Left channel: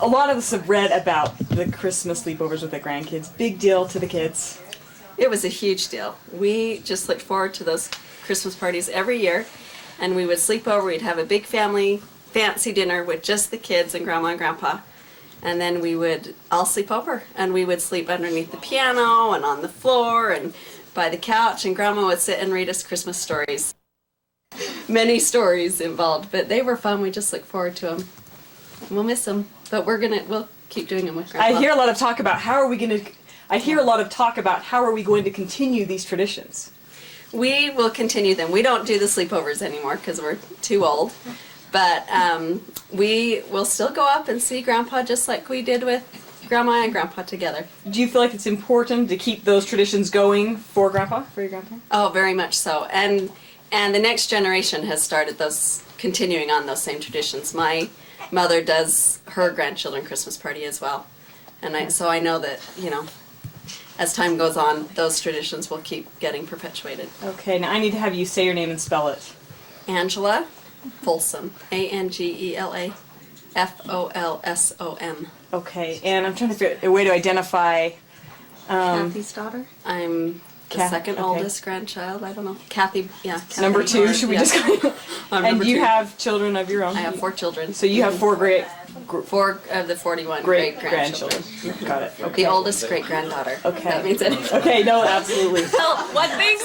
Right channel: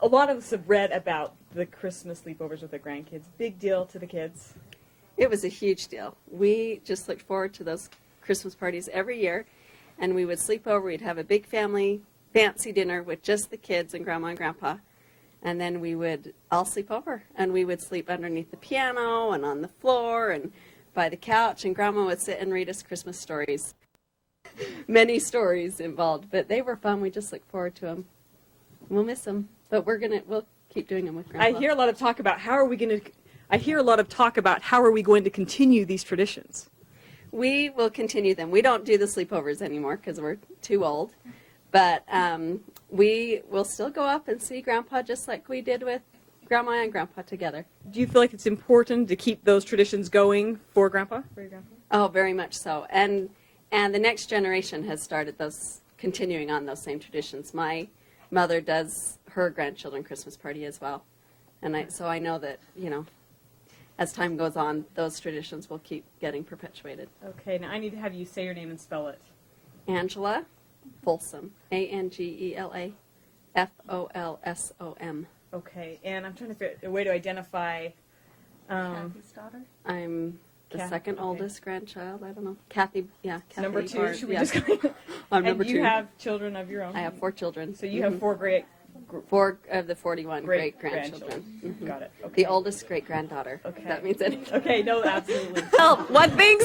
A lot of us have read about the Christmas sleepovers with the grandkids. Big deal to the kids. It was a huge deal. We just looked forward to those Christmas parties every year, and we would sleep over. We'd have a big family fancy dinner with just the kids and Grandma and Grandpa, and then we would all sleep over, and we would sleep underneath the piano and on the floor and by the couch, and Grandma would sit and read us Christmas stories. Many stories involved, but they were fun. We just look forward to them. We'll miss them, but we'll keep doing them with Grandpa. I hear a lot of talk about how are we going to continue these traditions. We will continue them. We don't do the sleepovers anymore because we're too old, but we will still go up and see Grandpa just like we did with Grandma and Grandpa together. Do you feel like it's important to keep those traditions going for Grandpa, for your grandpa? Oh, very much so. And the next generation has started continuing on those same traditions. My mother does her grandchildren Christmas party as well. And so I know that, as time goes on, those traditions will keep getting perpetuated. Okay, now I need to have you say your name and spell it. Angela Folsom. Angela Folsom. Okay, and I'm trying to figure out a way to identify... Kathy's daughter? I'm the second oldest grandchild. I don't know. Kathy, yeah. Kathy number 2, should we just go? And you have children of your own? I have 4 children. So you have 4 4 of the 41 great-grandchildren. Got it. Okay. The oldest great-granddaughter. Okay. That means anything. Okay, no, absolutely. Oh, what things?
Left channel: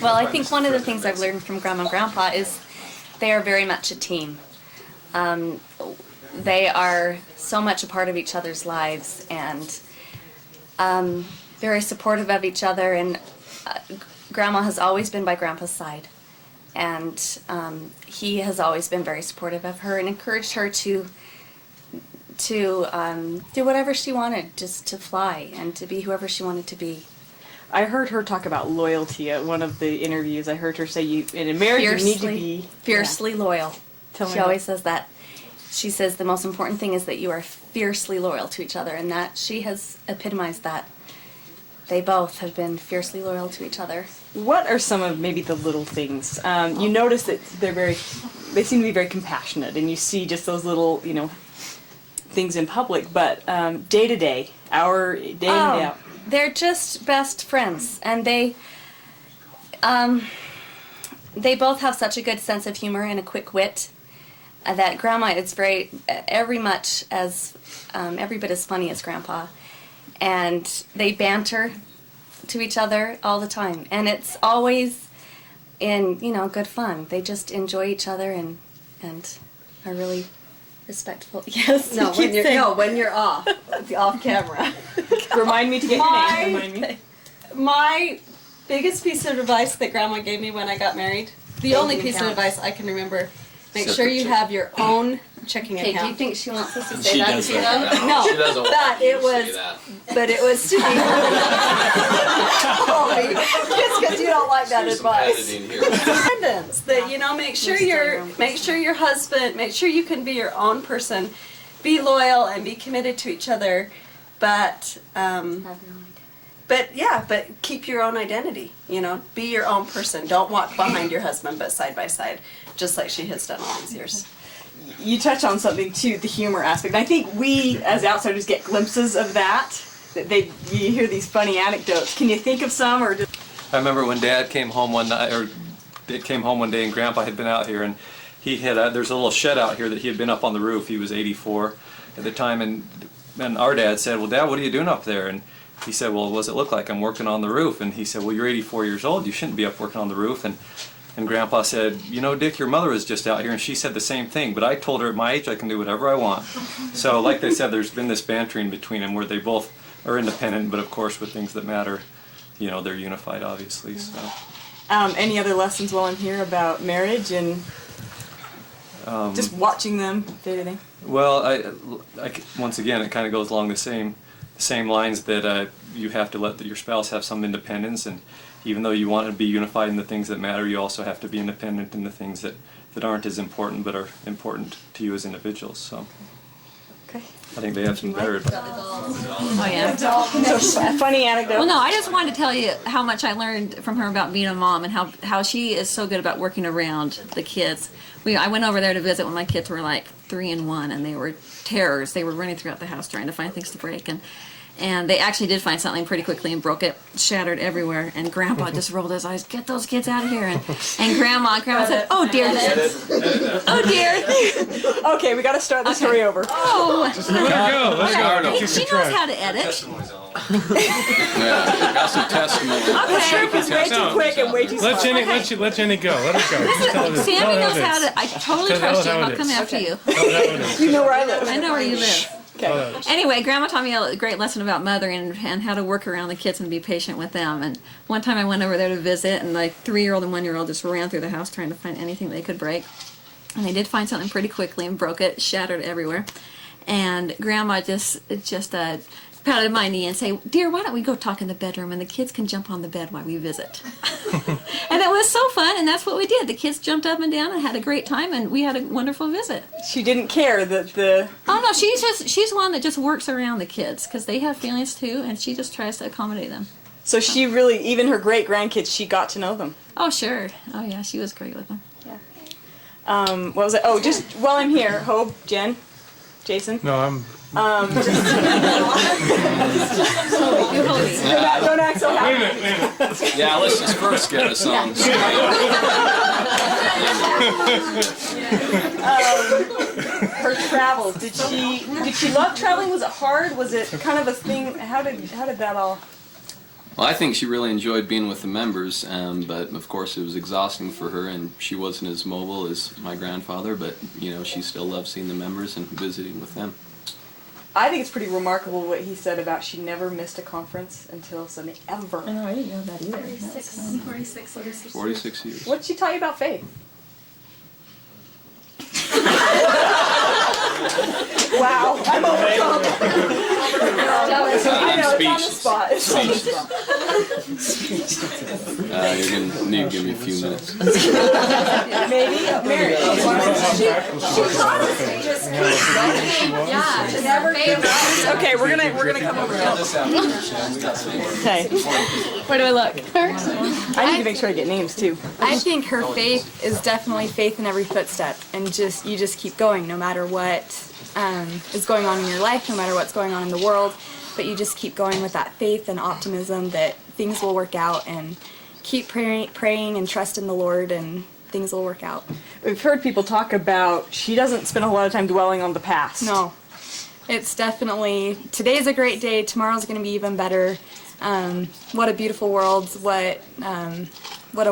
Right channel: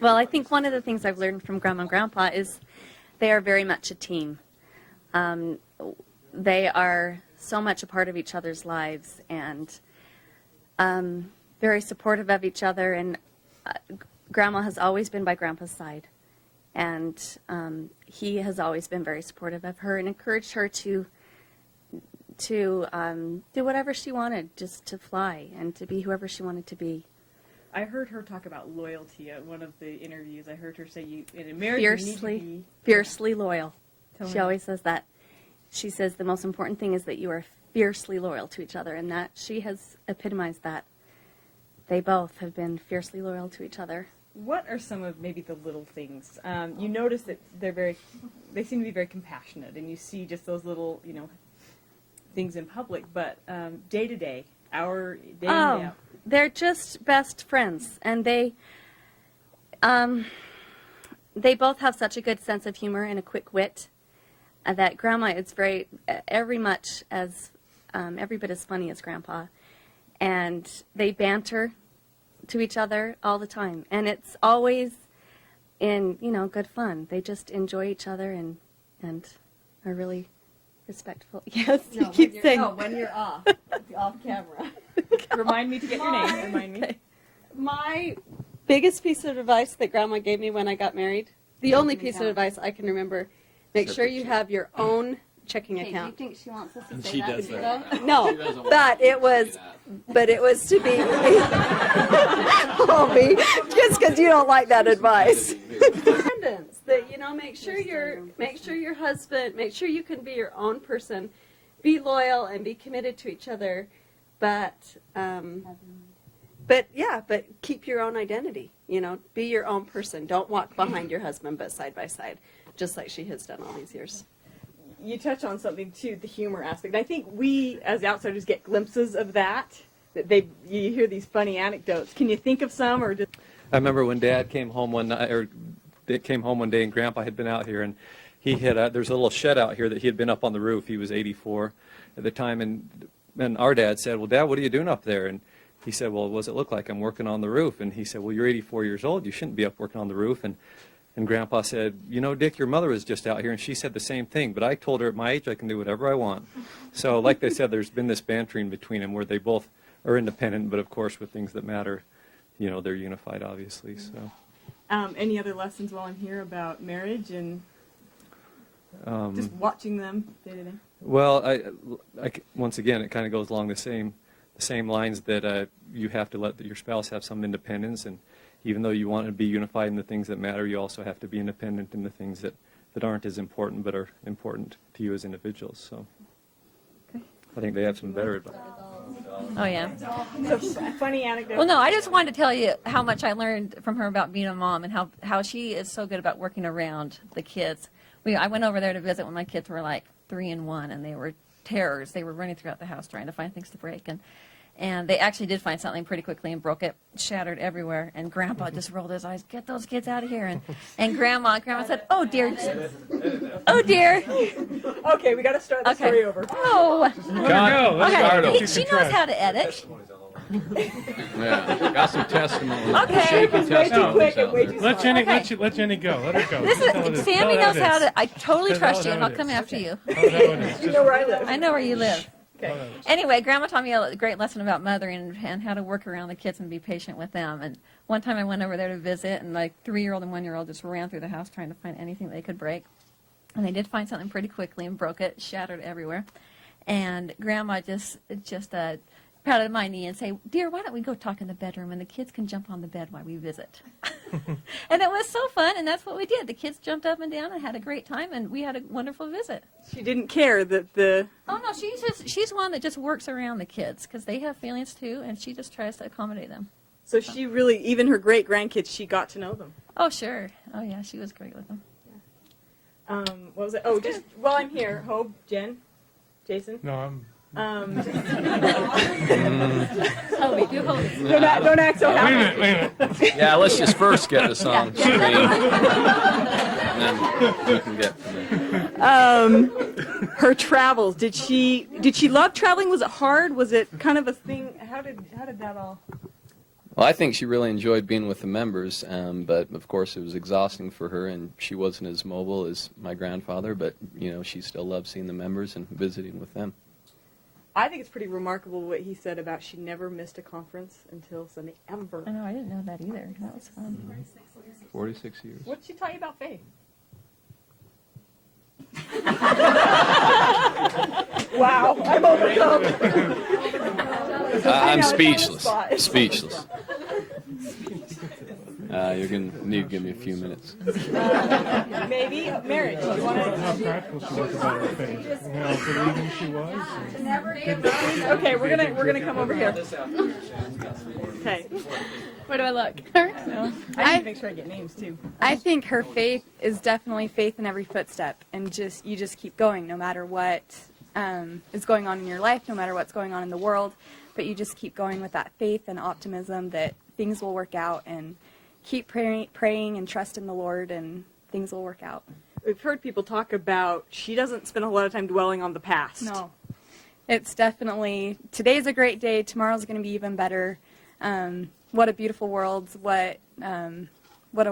Well, I think one of the things I've learned from Grandma and Grandpa is they are very much a team. They are so much a part of each other's lives and very supportive of each other. And Grandma has always been by Grandpa's side. And he has always been very supportive of her and encouraged her to do whatever she wanted, just to fly and to be whoever she wanted to be. I heard her talk about loyalty at one of the interviews. I heard her say, in a marriage you need to be... Fiercely loyal. She always says that. She says the most important thing is that you are fiercely loyal to each other, and that she has epitomized that. They both have been fiercely loyal to each other. What are some of maybe the little things? You notice that they seem to be very compassionate, and you see just those little, things in public, but day to day, day in, day out. They're just best friends, and they both have such a good sense of humor and a quick wit that Grandma is every bit as funny as Grandpa, and they banter to each other all the time, and it's always in good fun. They just enjoy each other and are really respectful. Yes. No, when you're off camera. Remind me to get your name. Remind me. My biggest piece of advice that Grandma gave me when I got married, the only piece of advice I can remember, make sure you have your own checking account. Do you think she wants us to say that to them? No, but it was to be holy, just because you don't like that advice. Independence. That make sure your husband, make sure you can be your own person, be loyal and be committed to each other, but keep your own identity. Be your own person. Don't walk behind your husband, but side by side, just like she has done all these years. You touch on something too, the humor aspect. I think we, as outsiders, get glimpses of that. You hear these funny anecdotes. Can you think of some, or just? I remember when Dad came home one night, or came home one day, and Grandpa had been out here, and he had there's a little shed out here that he had been up on the roof. He was 84 at the time, and our dad said, "Well, Dad, what are you doing up there?" And he said, "Well, what does it look like? I'm working on the roof." And he said, "Well, you're 84 years old. You shouldn't be up working on the roof." And Grandpa said, "Dick, your mother was just out here, and she said the same thing, but I told her at my age I can do whatever I want." So like they said, there's been this bantering between them where they both are independent, but of course with things that matter, they're unified, obviously. So. Any other lessons while I'm here about marriage and just watching them day to day? Well, once again, it kind of goes along the same lines that you have to let your spouse have some independence, and even though you want to be unified in the things that matter, you also have to be independent in the things that aren't as important but are important to you as individuals. So. Okay. I think they have some better. Oh yeah. So a funny anecdote. Well, no, I just wanted to tell you how much I learned from her about being a mom and how she is so good about working around the kids. I went over there to visit when my kids were like 3 and 1, and they were terrors. They were running throughout the house trying to find things to break, and they actually did find something pretty quickly and broke it, shattered everywhere. And Grandpa just rolled his eyes, "Get those kids out of here!" And Grandma said, "Oh dear, oh dear." Okay, we got to start the story over. Oh, Let her go. she knows how to edit. Yeah, got some testimony. The script is way too quick and way too smart. Let Jenny go. Let her go. Just tell her- Sammy tell her knows it how is. to. I totally Tell her trust you. how it I'll is. come after you. Tell her how it is. You know where I live. I know where you live. Tell her it is. Anyway, Grandma taught me a great lesson about mothering and how to work around the kids and be patient with them. And one time I went over there to visit, and like 3-year-old and 1-year-old just ran through the house trying to find anything they could break. And they did find something pretty quickly and broke it, shattered everywhere. And Grandma just patted my knee and say, "Dear, why don't we go talk in the bedroom and the kids can jump on the bed while we visit?" And it was so fun, and that's what we did. The kids jumped up and down and had a great time, and we had a wonderful visit. She didn't care that the. Oh no, she's one that just works around the kids because they have feelings too, and she just tries to accommodate them. So she really, even her great grandkids, she got to know them. Oh sure, oh yeah, she was great with them. What was it? Oh, just while I'm here, Hope, Jen, Jason. No, I'm. Don't act so happy. Wait a minute. Yeah, let's just first get us on the screen. Her travels. Did she love traveling? Was it hard? Was it kind of a thing? How did that all? Well, I think she really enjoyed being with the members, but of course it was exhausting for her, and she wasn't as mobile as my grandfather, but she still loved seeing the members and visiting with them. I think it's pretty remarkable what he said about she never missed a conference until Sunday ever. I know, I didn't know that either. 46 years. What did she tell you about faith? Wow. I'm know, speechless. it's on the spot. Speechless. You're going to need to give me a few minutes. Maybe marriage. Okay, we're gonna come over here. Okay. Where do I look? I need to make sure I get names too. I think her faith is definitely faith in every footstep, and you just keep going no matter what is going on in your life, no matter what's going on in the world, but you just keep going with that faith and optimism that things will work out, and keep praying and trust in the Lord, and things will work out. We've heard people talk about she doesn't spend a whole lot of time dwelling on the past. No, it's definitely, today's a great day, tomorrow's going to be even better. What a beautiful world, what a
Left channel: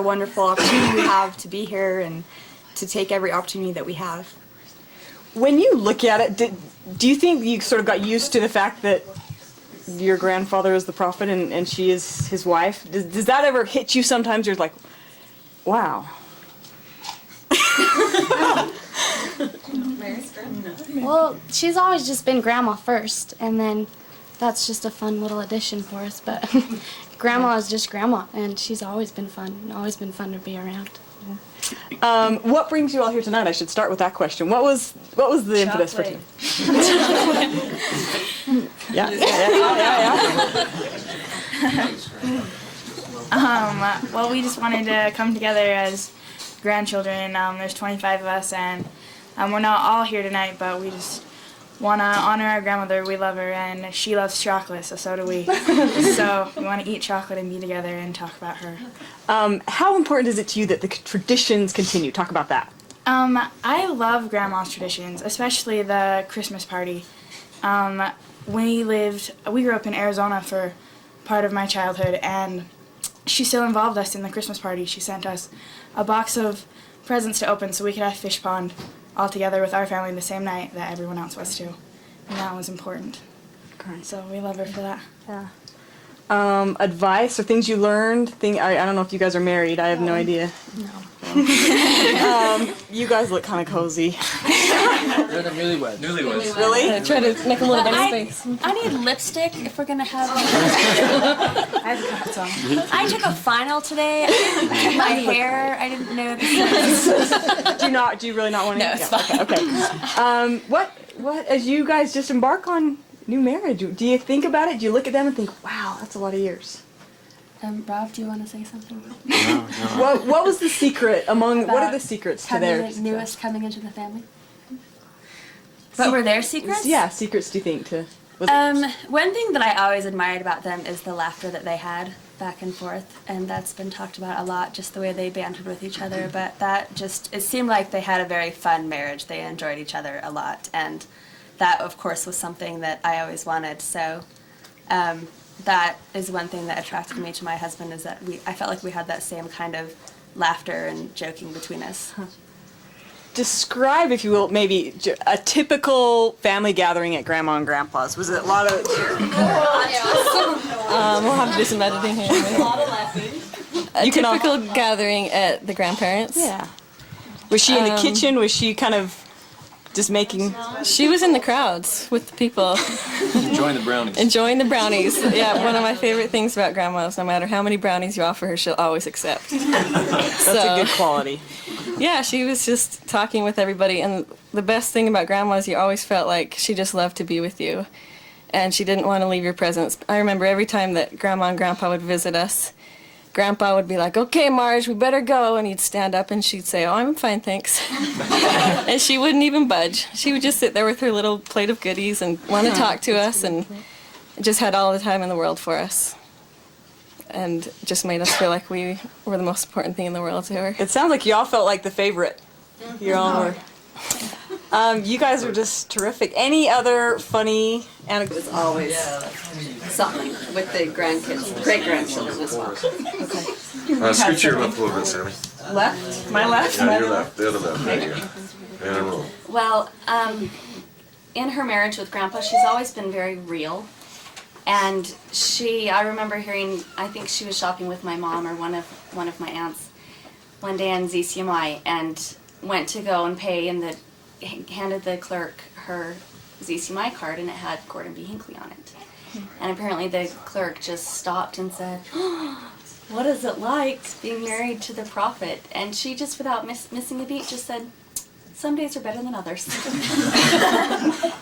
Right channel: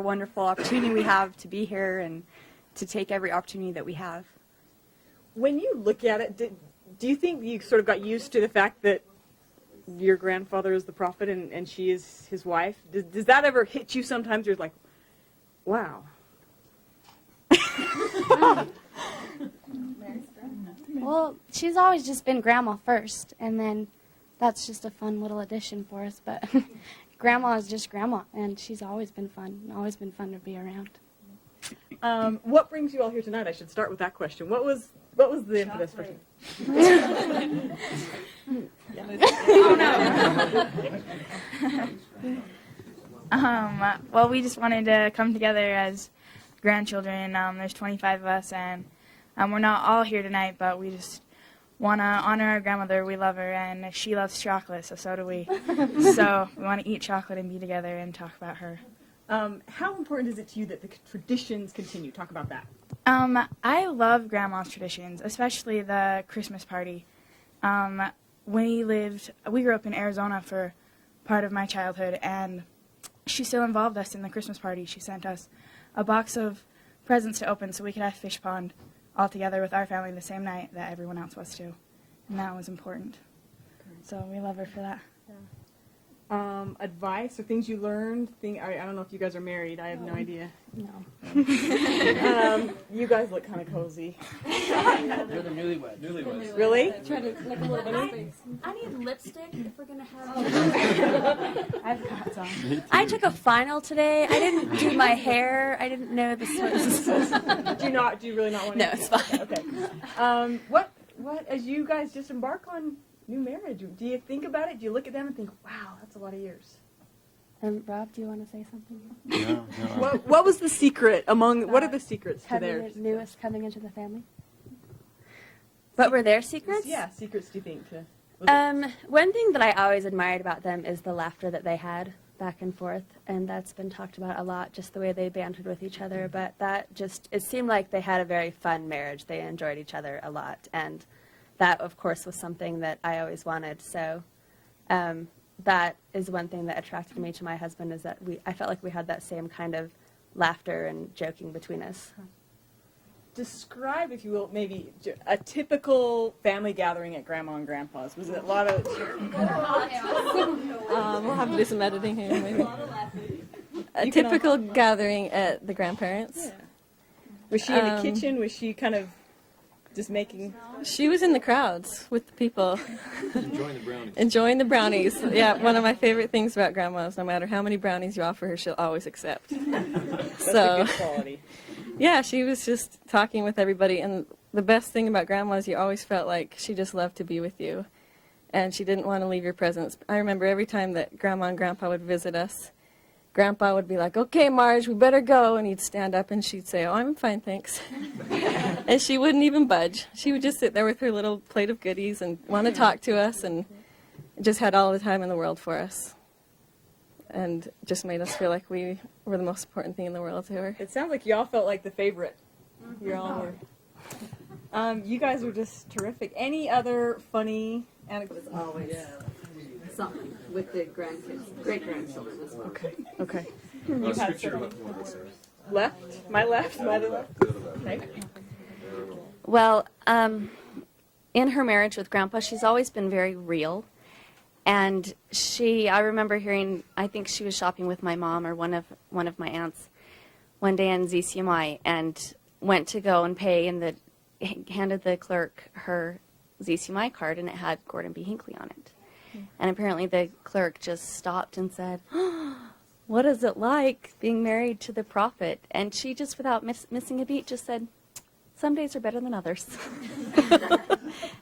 wonderful opportunity we have to be here and to take every opportunity that we have. When you look at it, do you think you sort of got used to the fact that your grandfather is the prophet and she is his wife? Does that ever hit you sometimes? You're like, wow. Well, she's always just been Grandma first, and then that's just a fun little addition for us. But Grandma is just Grandma, and she's always been fun to be around. What brings you all here tonight? I should start with that question. What was the impetus for you? Yeah. Well, we just wanted to come together as grandchildren. There's 25 of us, and we're not all here tonight, but we just want to honor our grandmother. We love her, and she loves chocolate, so do we. So we want to eat chocolate and be together and talk about her. How important is it to you that the traditions continue? Talk about that. I love Grandma's traditions, especially the Christmas party. We grew up in Arizona for part of my childhood, and she still involved us in the Christmas party. She sent us a box of presents to open so we could have fish pond all together with our family the same night that everyone else was too. And that was important. Great. So we love her for that. Yeah. Advice or things you learned? I don't know if you guys are married. I have no idea. No. You guys look kind of cozy. They're the newlyweds. Really? Try to make a little bit of space. I need lipstick if we're gonna have. I took a final today. I didn't do my hair. I didn't know this. Do you really not want to? No, it's fine. Okay. what, as you guys just embark on new marriage, do you think about it? Do you look at them and think, wow, that's a lot of years? Rob, do you want to say something? What was the secret what are the secrets to their the newest coming into the family? What were their secrets? Yeah, secrets do you think to One thing that I always admired about them is the laughter that they had back and forth, and that's been talked about a lot, just the way they bantered with each other, but it seemed like they had a very fun marriage. They enjoyed each other a lot, and that, of course, was something that I always wanted, so that is one thing that attracted me to my husband, is that I felt like we had that same kind of laughter and joking between us. describe, if you will, maybe a typical family gathering at Grandma and Grandpa's? Was it a lot of... We'll have to do some editing here. A lot of laughing. A typical gathering at the grandparents'. Yeah. Was she in the kitchen? Was she kind of just making... She was in the crowds with the people. Enjoying the brownies. Enjoying the brownies. Yeah, one of my favorite things about Grandma is no matter how many brownies you offer her, she'll always accept. That's a good quality. Yeah, she was just talking with everybody, and the best thing about Grandma is you always felt like she just loved to be with you, and she didn't want to leave your presence. I remember every time that Grandma and Grandpa would visit us, Grandpa would be like, "Okay, Marge, we better go," and he'd stand up and she'd say, "Oh, I'm fine, thanks." And she wouldn't even budge. She would just sit there with her little plate of goodies and want to talk to us, and just had all the time in the world for us. And just made us feel like we were the most important thing in the world to her. It sounds like you all felt like the favorite. You all were. You guys are just terrific. Any other funny anecdotes? Always something with the grandkids, great-grandchildren as well. Scoot your left a little bit, Sammy. Left? My left? Yeah, your left. The other left. There you go. And a roll. Well, in her marriage with Grandpa, she's always been very real. And I remember hearing, I think she was shopping with my mom or one of my aunts one day in ZCMI, and went to go and pay, and handed the clerk her ZCMI card, and it had Gordon B. Hinckley on it. And apparently the clerk just stopped and said, "Oh, what is it like being married to the prophet?" And she just, without missing a beat, just said, "Some days are better than others."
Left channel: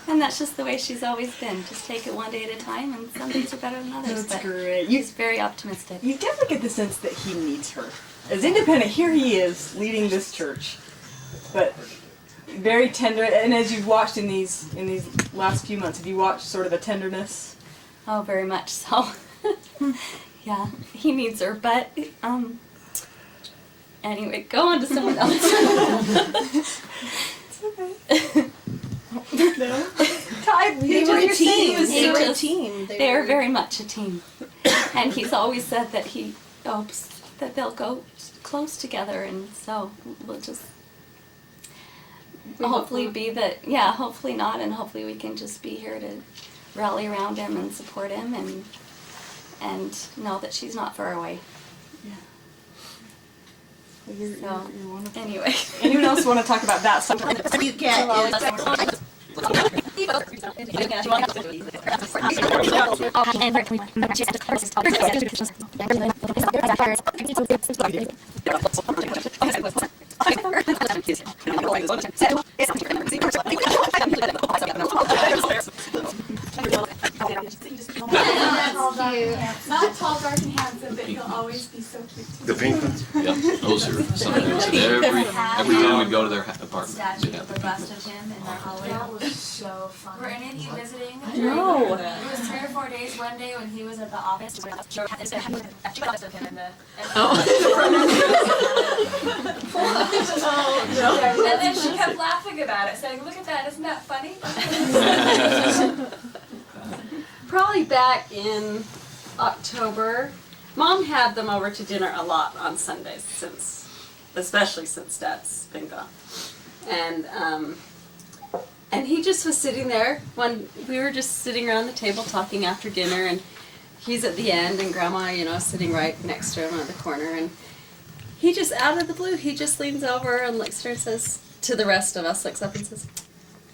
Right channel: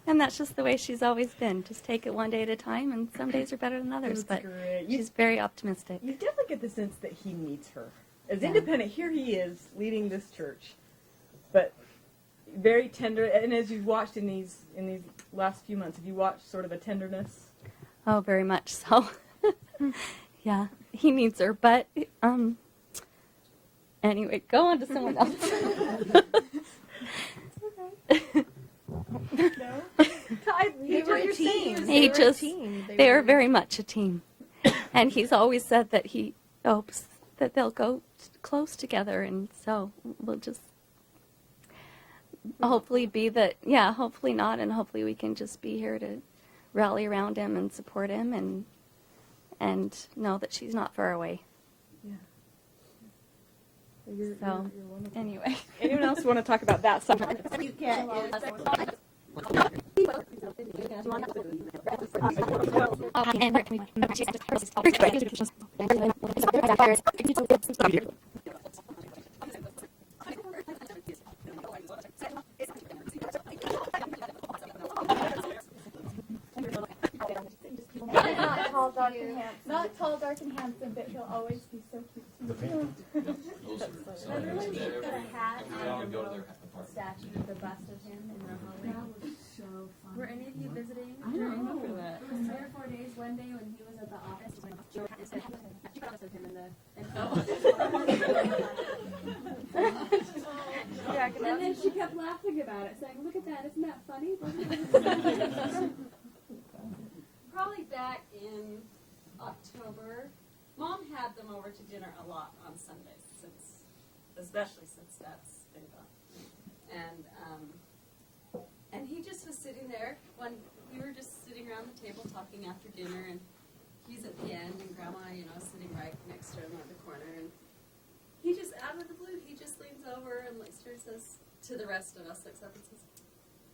And that's just the way she's always been. Just take it one day at a time, and some days are better than others. That's great. She's very optimistic. You definitely get the sense that he needs her. As independent, here he is leading this church, but very tender. And as you've watched in these last few months, have you watched sort of a tenderness? Oh, very much so. Yeah, he needs her, but anyway, go on to someone else. It's okay. Ty, They were a team. They were a team. They are very much a team. And he's always said that he hopes that they'll go close together, and so we'll just hopefully hopefully not, and hopefully we can just be here to rally around him and support him, and know that she's not far away. Well, you're wonderful. Anyway. Anyone else want to talk about that stuff? Not tall, dark, and handsome, but he'll always be so cute. The pink ones? Yep, those are something that every time we'd go to their apartment. Statue Yeah. of the bust of him in their hallway. That was so fun. Were any of you visiting? No. It was 3 or 4 days. One day when he was at the office, of him in the. And then she kept laughing about it, saying, "Look at that! Isn't that funny?" Probably back in October, Mom had them over to dinner a lot on Sundays, especially since Dad's been gone. And he just was sitting there when we were just sitting around the table talking after dinner, and he's at the end, and Grandma, sitting right next to him on the corner, and he just, out of the blue, he just leans over and looks at her and says, to the rest of us, looks up and says,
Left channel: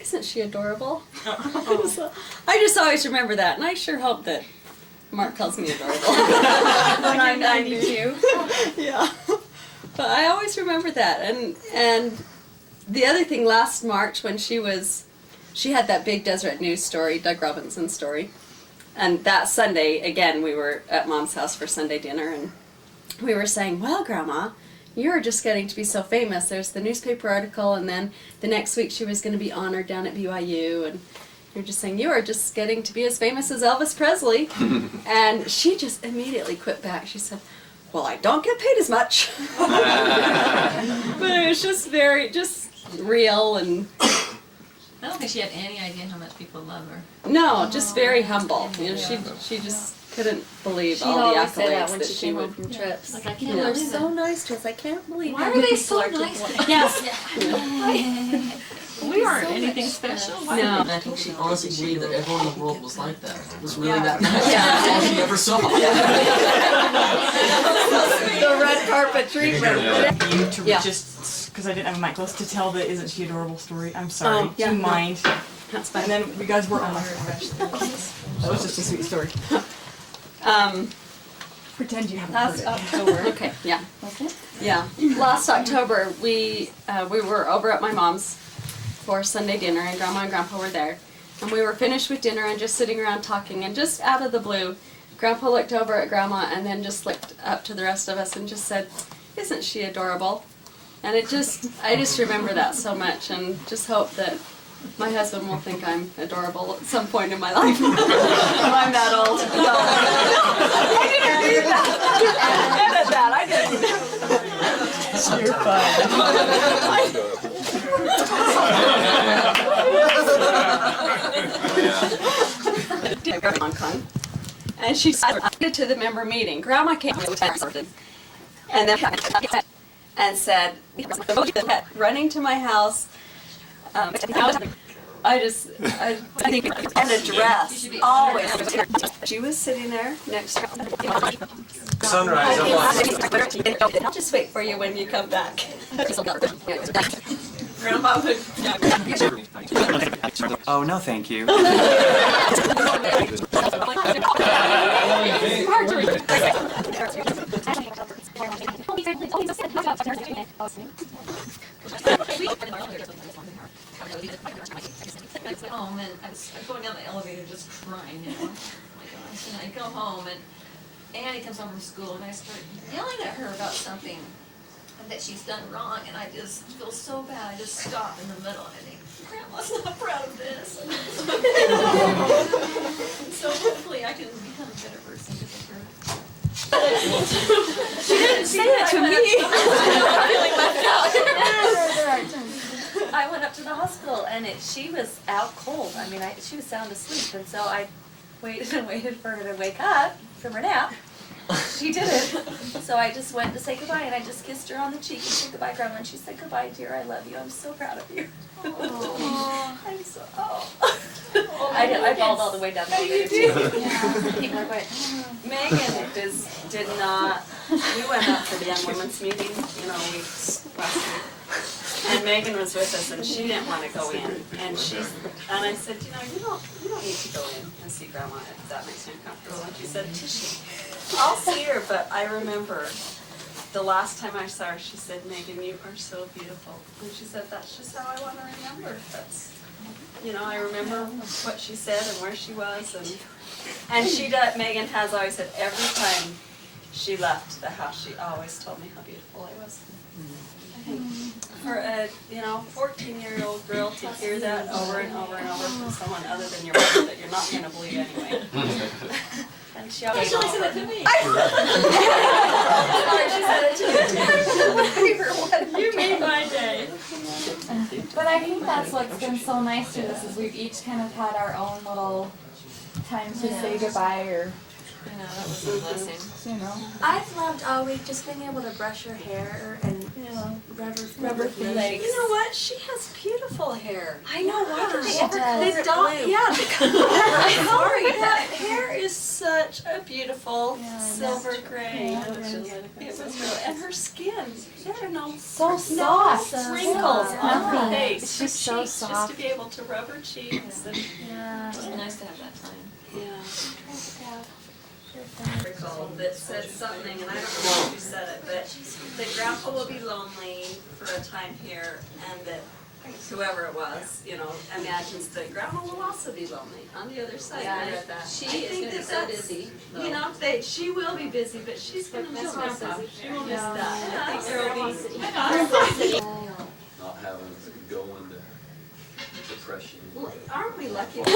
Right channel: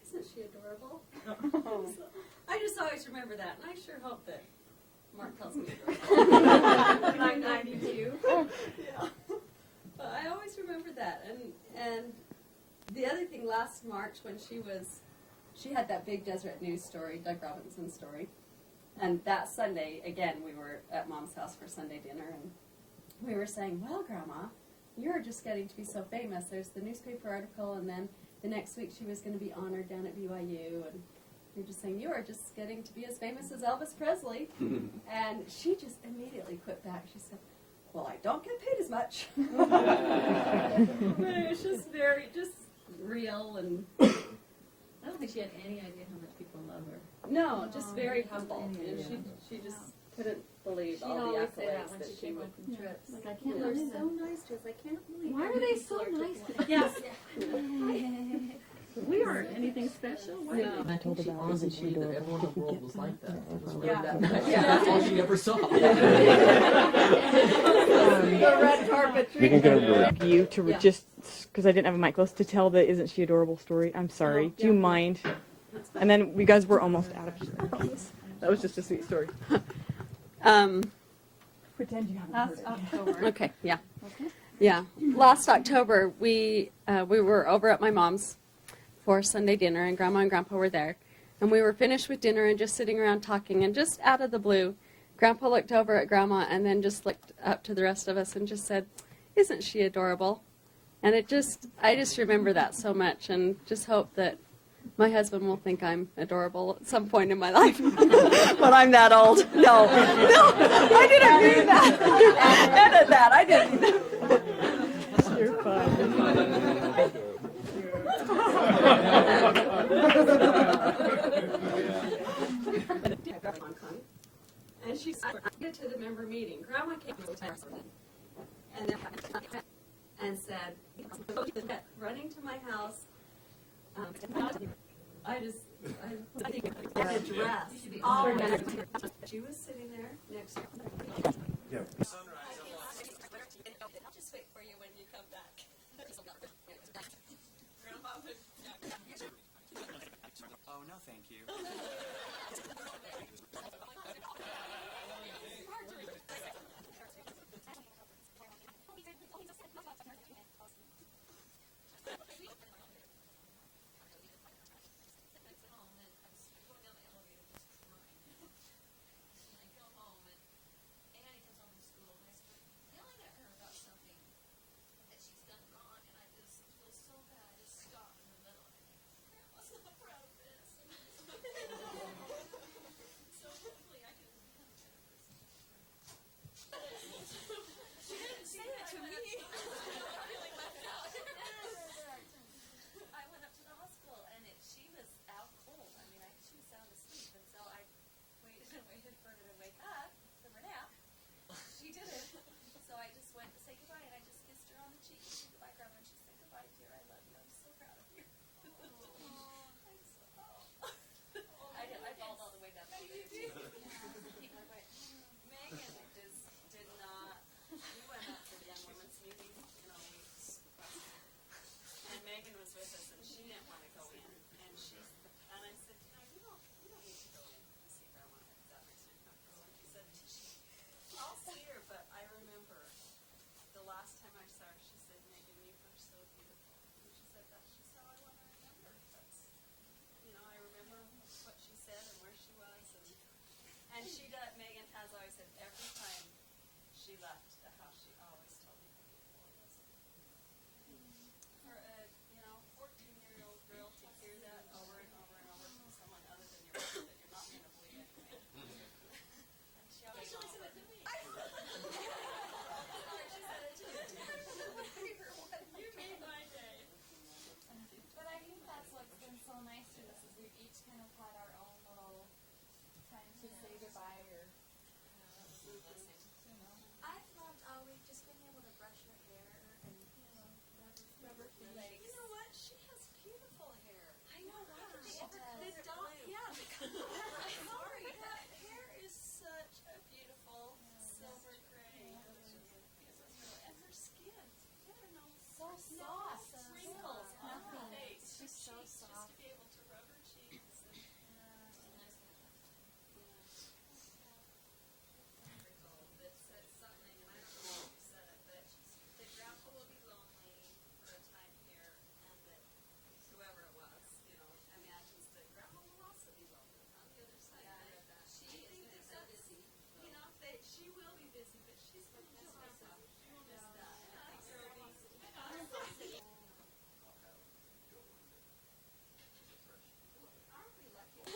"Isn't she adorable?" So, I just always remember that, and I sure hope that Mark calls me adorable when I'm 92. Yeah. But I always remember that, and the other thing, last March when she was she had that big Deseret News story, Doug Robinson story. And that Sunday, again, we were at Mom's house for Sunday dinner, and we were saying, well, Grandma, you're just getting to be so famous. There's the newspaper article, and then the next week she was going to be honored down at BYU, and you're just saying, you are just getting to be as famous as Elvis Presley. And she just immediately quit back. She said, well, I don't get paid as much. But it was just just real, and I don't think she had any idea how much people love her. no, just very humble. You know, she just couldn't believe all the always said that accolades when that she she came would. home from trips. Like, I can't People are believe so it. nice to us. I can't believe Why how are many they people so are to nice? us. Yes. We aren't anything special. No. And I think she honestly believed that everyone in the world was like that. It was really that nice. That's all she ever saw. The red carpet treatment. You to Yeah. just because I didn't have a mic close to tell the "Isn't she adorable" story. I'm sorry. Oh, yeah, Do you no. mind? That's And fine. then you guys were almost refreshed. That was just a sweet story. Pretend you haven't Last heard it. October. Okay. Yeah. Yeah. Last October, we were over at my mom's for Sunday dinner, and Grandma and Grandpa were there, and we were finished with dinner and just sitting around talking, and just out of the blue, Grandpa looked over at Grandma and then just looked up to the rest of us and just said, "Isn't she adorable?" And I just remember that so much, and just hope that my husband will think I'm adorable at some point in my life when I'm that old. No, I didn't do that. Edit that. I didn't. You're fine. And she said to the member meeting, Grandma came and then said, running to my house. I think, and a dress, always. She was sitting there next to Sunrise, I'm on. I'll just wait for you when you come back. Grandma would. Oh, no, thank you. Home and I was going down the elevator just crying, you know. Oh my gosh. And I go home and Annie comes home from school and I start yelling at her about something that she's done wrong, and I just feel so bad. I just stop in the middle and I think, Grandma's not proud of this. So hopefully I can become a better person because of her. She didn't say it to me. I went up to the hospital and she was out cold. I mean, she was sound asleep, and so I waited and waited for her to wake up from her nap. She didn't. So I just went to say goodbye, and I just kissed her on the cheek and said goodbye, Grandma. And she said, "Goodbye, dear. I love you. I'm so proud of you." I'm so. I bawled all the way down the elevator too. People are going. Megan did not. We went up for the young women's meeting, last week. And Megan was with us, and she didn't want to go in. And I said, you don't need to go in and see Grandma if that makes you uncomfortable. And she said, Tishy, I'll see her, but I remember the last time I saw her, she said, Megan, you are so beautiful. And she said, that's just how I want to remember. I remember what she said and where she was, and she does. Megan has always said every time she left the house, she always told me how beautiful I was. I think for a 14-year-old girl to hear that over and over and over from someone other than your mother that you're not going to believe anyway. And she always said it to me. She said it to me. You made my day. But I think that's what's been so nice to us is we've each kind of had our own little time to say goodbye, or That was a blessing. I've loved always just being able to brush her hair and rub her feet. You know what? She has beautiful hair. I know, why did they ever The color it dog, blue? yeah, the color. That hair is such a beautiful silver gray. It was really, and her skin, there are no so soft, wrinkles on her nothing. face. It's Her just so cheeks, soft. Just to be able to rub her cheeks. And, Yeah. It was nice to have that time. yeah. Article that said something, and I don't know who said it, but that Grandpa will be lonely for a time here, and that whoever it was, you know, imagines that grandma will also be lonely on the other side. Yeah, I And read that. She is going to be so busy. You know, she will be busy, but she's going to miss grandpa. She will miss that. And I think there will be. Not having to go into depression. Well, aren't we lucky? They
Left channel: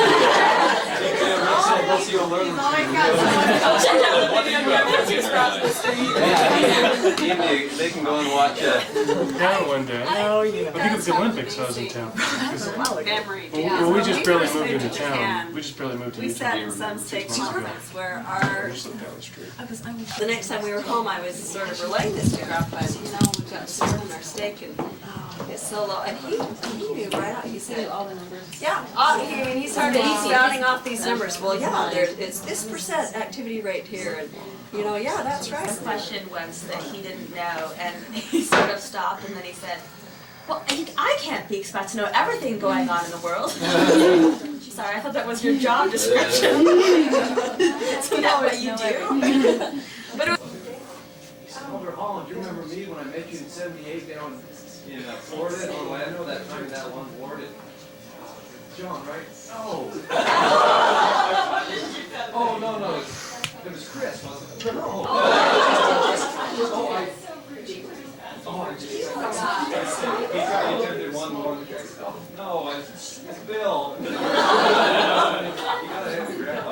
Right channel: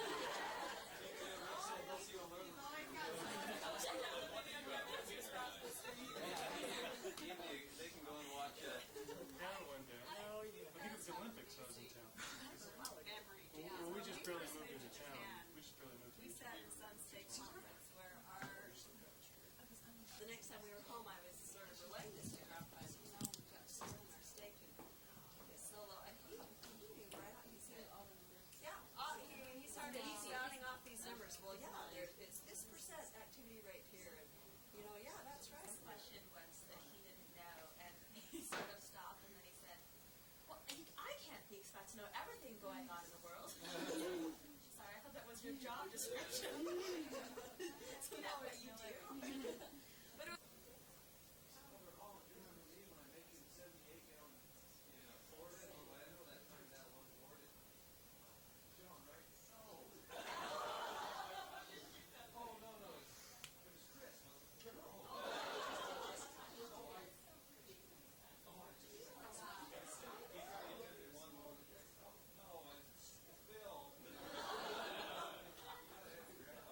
can go and watch Down one day. Oh, you know. I think it's the Olympics I was in town. Memory. Well, we just barely moved into Japan, town. We just barely moved We into sat town. in some steak 6 months ago. conference where our Just looked down the street. the next time we were home, I was sort of relaying this to Grandpa. And, you know, we've got served in our steak, and it's so low. And he knew right out. He said all the numbers. Yeah. He started. He's rounding off these numbers. Well, yeah, it's this % activity rate here, and you know, yeah, that's right. The question was that he didn't know, and he sort of stopped, and then he said, "Well, I can't be expected to know everything going on in the world." Sorry, I thought that was your job description. Isn't that what you do? But it was Elder Holland, do you remember me when I met you in '78 down in Florida, in Orlando, that time in that one ward? John, right? Oh. Oh, no. It was Chris, wasn't it? No. I just. He attended one more. No, it's Bill. You gotta have the grandpa.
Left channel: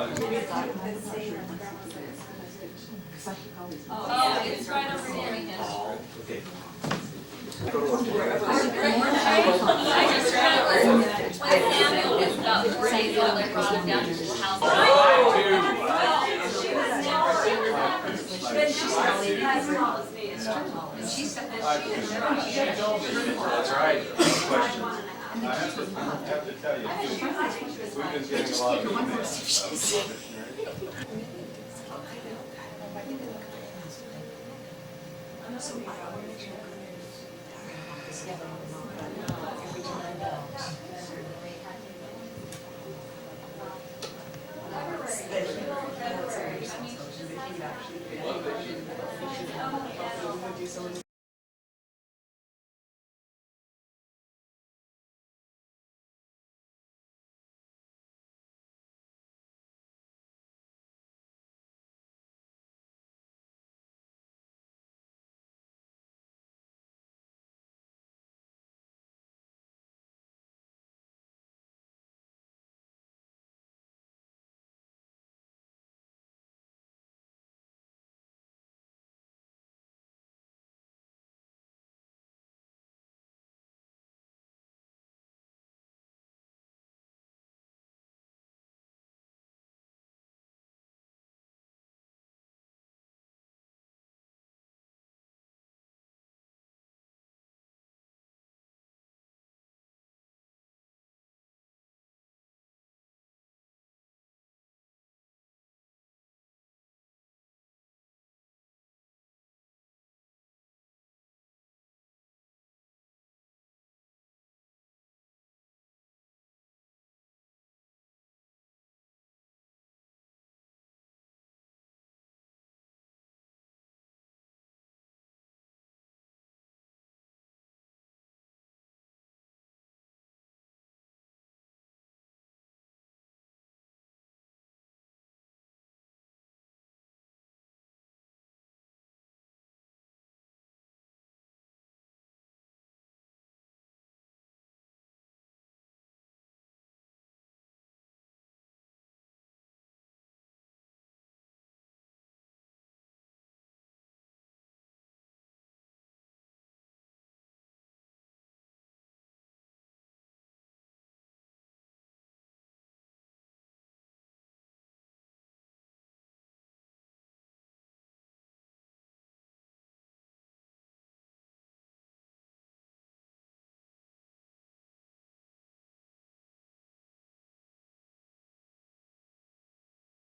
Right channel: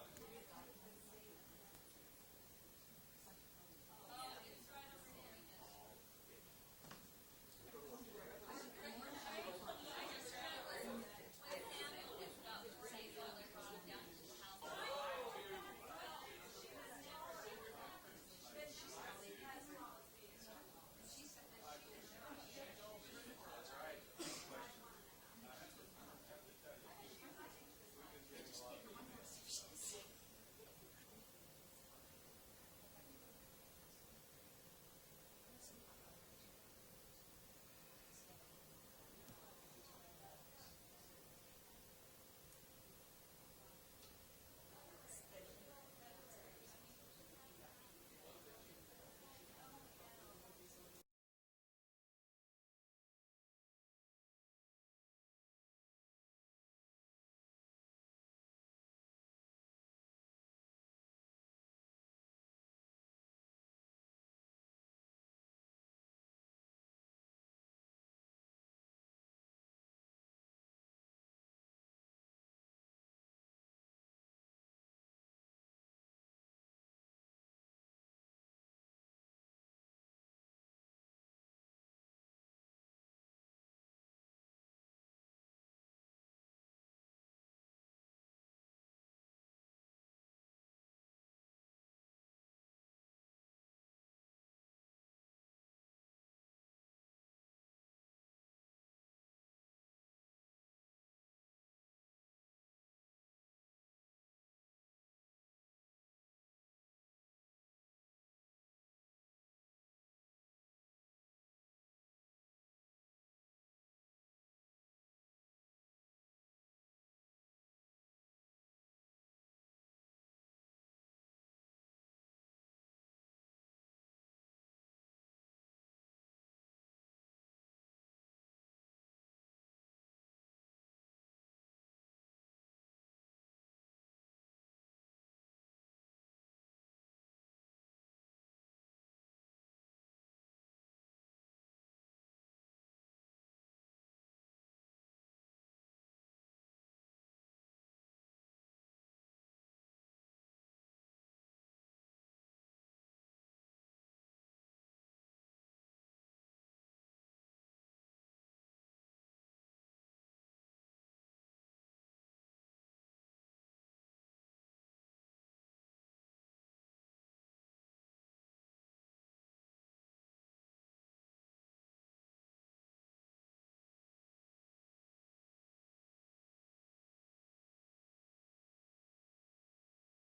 Oh, it's right over here. Okay. That's right. Question. I have to tell you, we've been getting a lot of emails.